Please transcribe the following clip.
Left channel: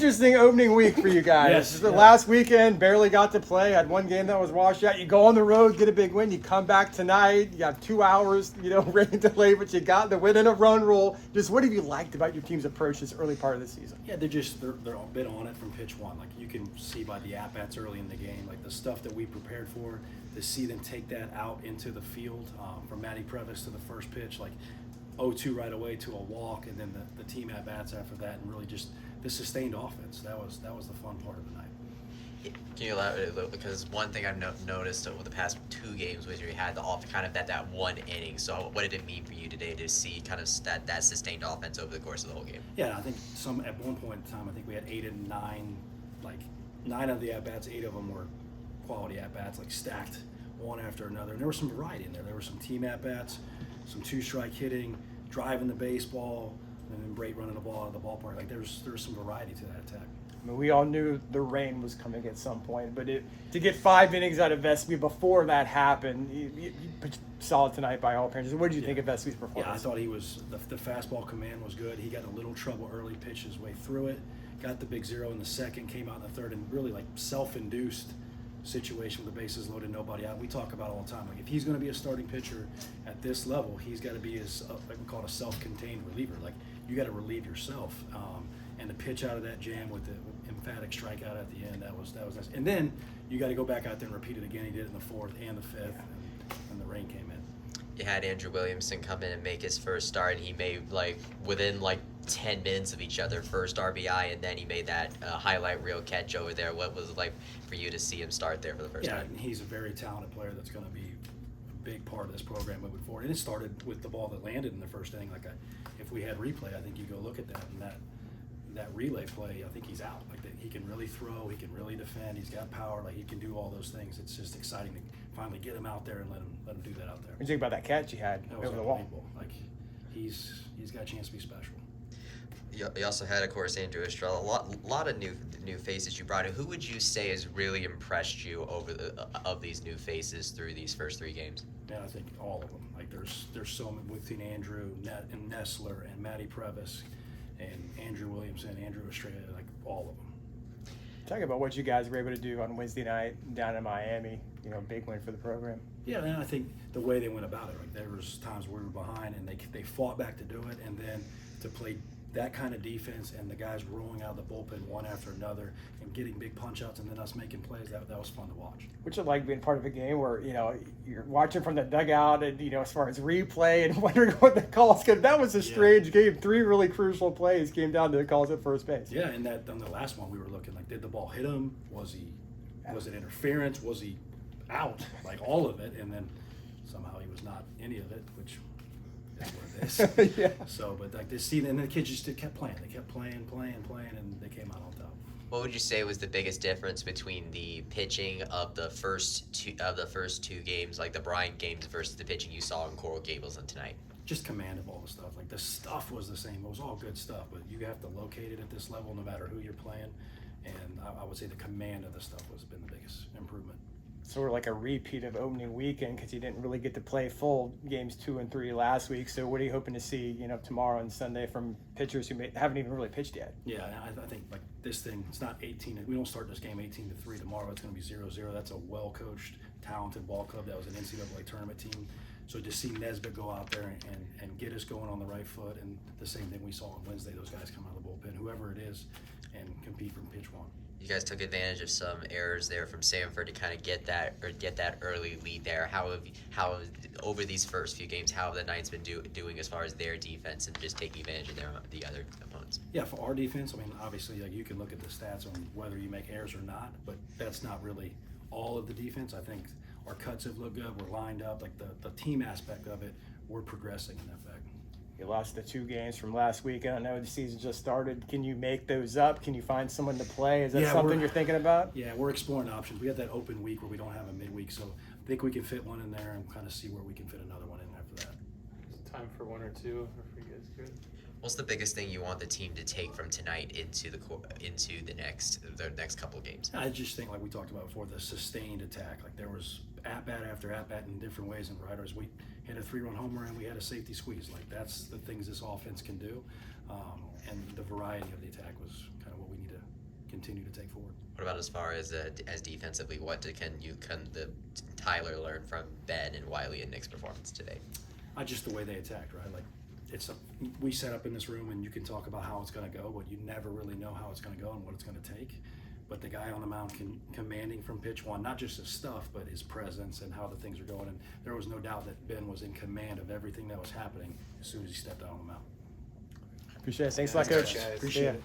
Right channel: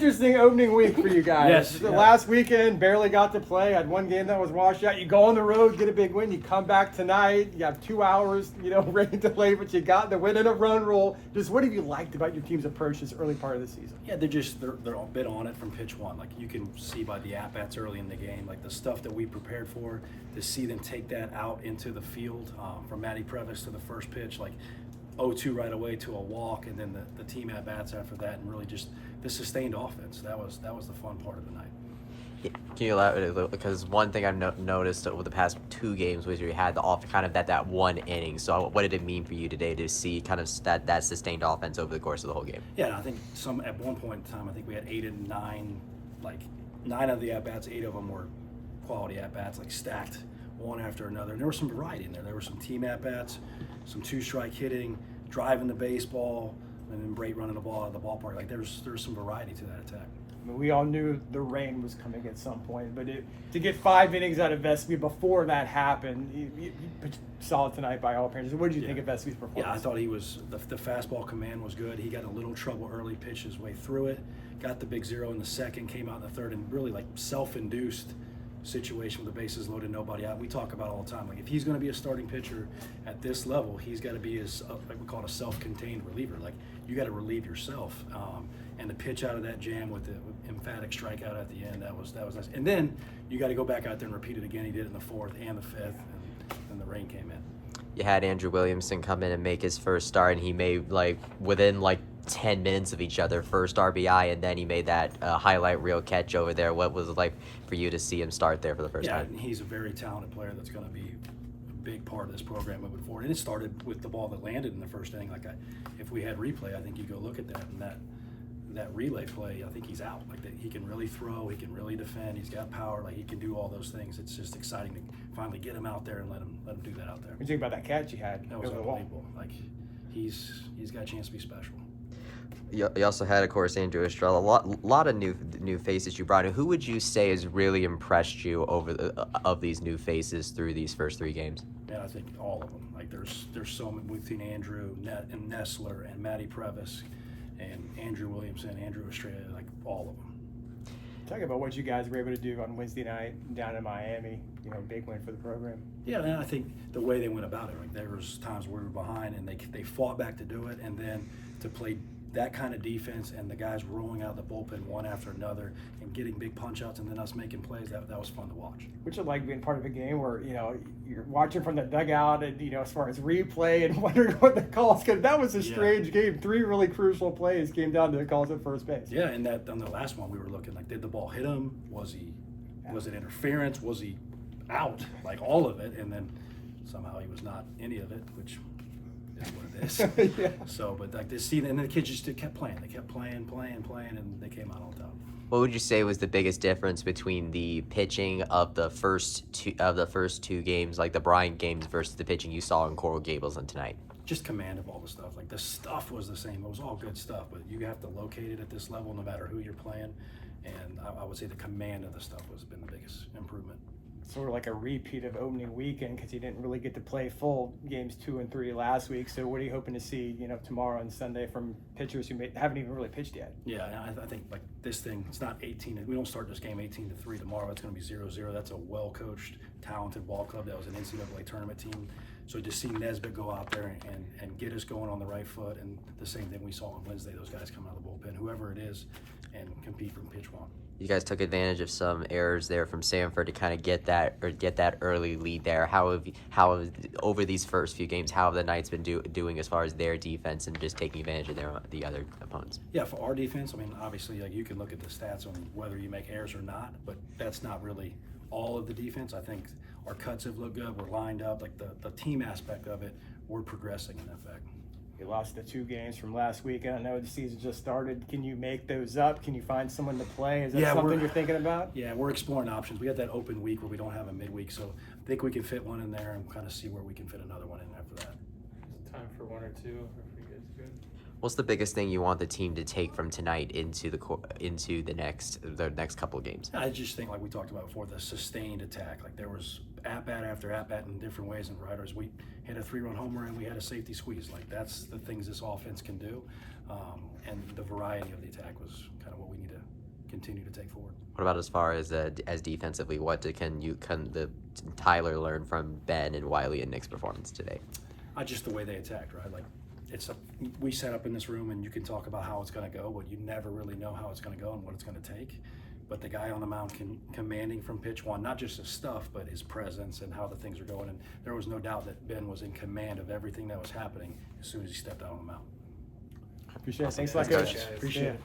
Interesting opening week for you guys. Yes, The yeah. last weekend, barely got to play. Had one game that was washed out. You go on the road, get a big win. You come back tonight. You have 2 hours, rain delay, but you got the win in a run roll. Just what have you liked about your team's approach this early part of the season? Yeah, they're a bit on it from pitch one. Like you can see by the at-bats early in the game, like the stuff that we prepared for, to see them take that out into the field, from Matty Previs to the first pitch, like 0-2 right away to a walk, and then the team at-bats after that, and really just the sustained offense. That was the fun part of the night. Can you elaborate a little? Because one thing I've noticed over the past 2 games was you had that one inning. So what did it mean for you today to see kind of that sustained offense over the course of the whole game? Yeah, and I think at one point in time, I think we had 8 and 9, like 9 of the at-bats, 8 of them were quality at-bats, like stacked one after another. And there was some variety in there. There were some team at-bats, some 2-strike hitting, driving the baseball, and then Brait running the ball out of the ballpark. Like there was some variety to that attack. I mean, we all knew the rain was coming at some point, but to get 5 innings out of Vespi before that happened, you saw it tonight by all appearances. What did you think of Vespi's performance? Yeah, I thought he was the fastball command was good. He got a little trouble early, pitched his way through it, got the big 0 in the second, came out in the third, and really like self-induced situation with the bases loaded, nobody out. We talk about it all the time. Like if he's going to be a starting pitcher at this level, he's got to be like we call it a self-contained reliever. Like you got to relieve yourself. And the pitch out of that jam with the emphatic strikeout at the end, that was nice. And then you got to go back out there and repeat it again. He did it in the 4th and the 5th, and the rain came in. You had Andrew Williamson come in and make his first start, and he made within 10 minutes of each other first RBI, and then he made that highlight reel catch over there. What was it like for you to see him start there for the first time? Yeah, he's a very talented player that's going to be a big part of this program moving forward. And it started with the ball that landed in the first inning. If we had replay, I think you go look at that, and that relay play, I think he's out. Like that, he can really throw, he can really defend, he's got power, like he can do all those things. It's just exciting to finally get him out there and let him do that out there. What do you think about that catch he had? That was unbelievable. Like he's got a chance to be special. You also had, of course, Andrew Estrella. A lot of new faces you brought in. Who would you say has really impressed you of these new faces through these first 3 games? Yeah, I think all of them. Like there's so many between Andrew and Nessler and Matty Previs and Andrew Williamson, Andrew Estrella, like all of them. Talk about what you guys were able to do on Wednesday night down in Miami. Big win for the program. Yeah, and I think the way they went about it, like there was times where we were behind and they fought back to do it, and then to play that kind of defense and the guys rolling out of the bullpen one after another and getting big punch outs and then us making plays, that was fun to watch. Which is like being part of a game where, you're watching from the dugout and, as far as replay and wondering what the calls could. That was a strange game. 3 really crucial plays came down to the calls at first base. Yeah, and that on the last one we were looking like, did the ball hit him? Was it interference? Was he out? Like all of it, and then somehow he was not any of it, which is what it is. Yeah. So, but like this season, and then the kids just kept playing. They kept playing, and they came out on top. What would you say was the biggest difference between the pitching of the first two games, like the Bryant games, versus the pitching you saw in Coral Gables and tonight? Just command of all the stuff. Like the stuff was the same. It was all good stuff, but you have to locate it at this level no matter who you're playing. And I would say the command of the stuff has been the biggest improvement. Sort of like a repeat of opening weekend because you didn't really get to play full games 2 and 3 last week. So what are you hoping to see, tomorrow and Sunday from pitchers who haven't even really pitched yet? Yeah, I think like this thing, it's not 18. We don't start this game 18-3 tomorrow. It's going to be 0-0. That's a well-coached, talented ball club. That was an NCAA tournament team. So just see Nesbitt go out there and get us going on the right foot, and the same thing we saw on Wednesday, those guys come out of the bullpen, whoever it is, and compete from pitch one. You guys took advantage of some errors there from Samford to kind of get that early lead there. How have over these first few games, how have the Knights been doing as far as their defense and just taking advantage of the other opponents? Yeah, for our defense, I mean, obviously, like you can look at the stats on whether you make errors or not, but that's not really all of the defense. I think our cuts have looked good. We're lined up. Like the team aspect of it, we're progressing in that fact. You lost the 2 games from last weekend. I know the season just started. Can you make those up? Can you find someone to play? Is that something you're thinking about? Yeah, we're exploring options. We got that open week where we don't have a midweek, so I think we can fit one in there and kind of see where we can fit another one in after that. Is it time for 1 or 2 if you guys good? What's the biggest thing you want the team to take from tonight into the next couple of games? I just think, like we talked about before, the sustained attack. Like there was at-bat after at-bat in different ways, and riders, we hit a 3-run homer and we had a safety squeeze. Like that's the things this offense can do, and the variety of the attack was kind of what we need to continue to take forward. What about as far as defensively? Can the Tyler learn from Ben and Wiley and Nick's performance today? Just the way they attacked, right? Like we set up in this room, and you can talk about how it's going to go, but you never really know how it's going to go and what it's going to take. But the guy on the mound commanding from pitch one, not just his stuff, but his presence and how the things are going. And there was no doubt that Ben was in command of everything that was happening as soon as he stepped out on the mound. Appreciate it. Thanks a lot, Thanks, Coach. guys. Appreciate Yeah. it.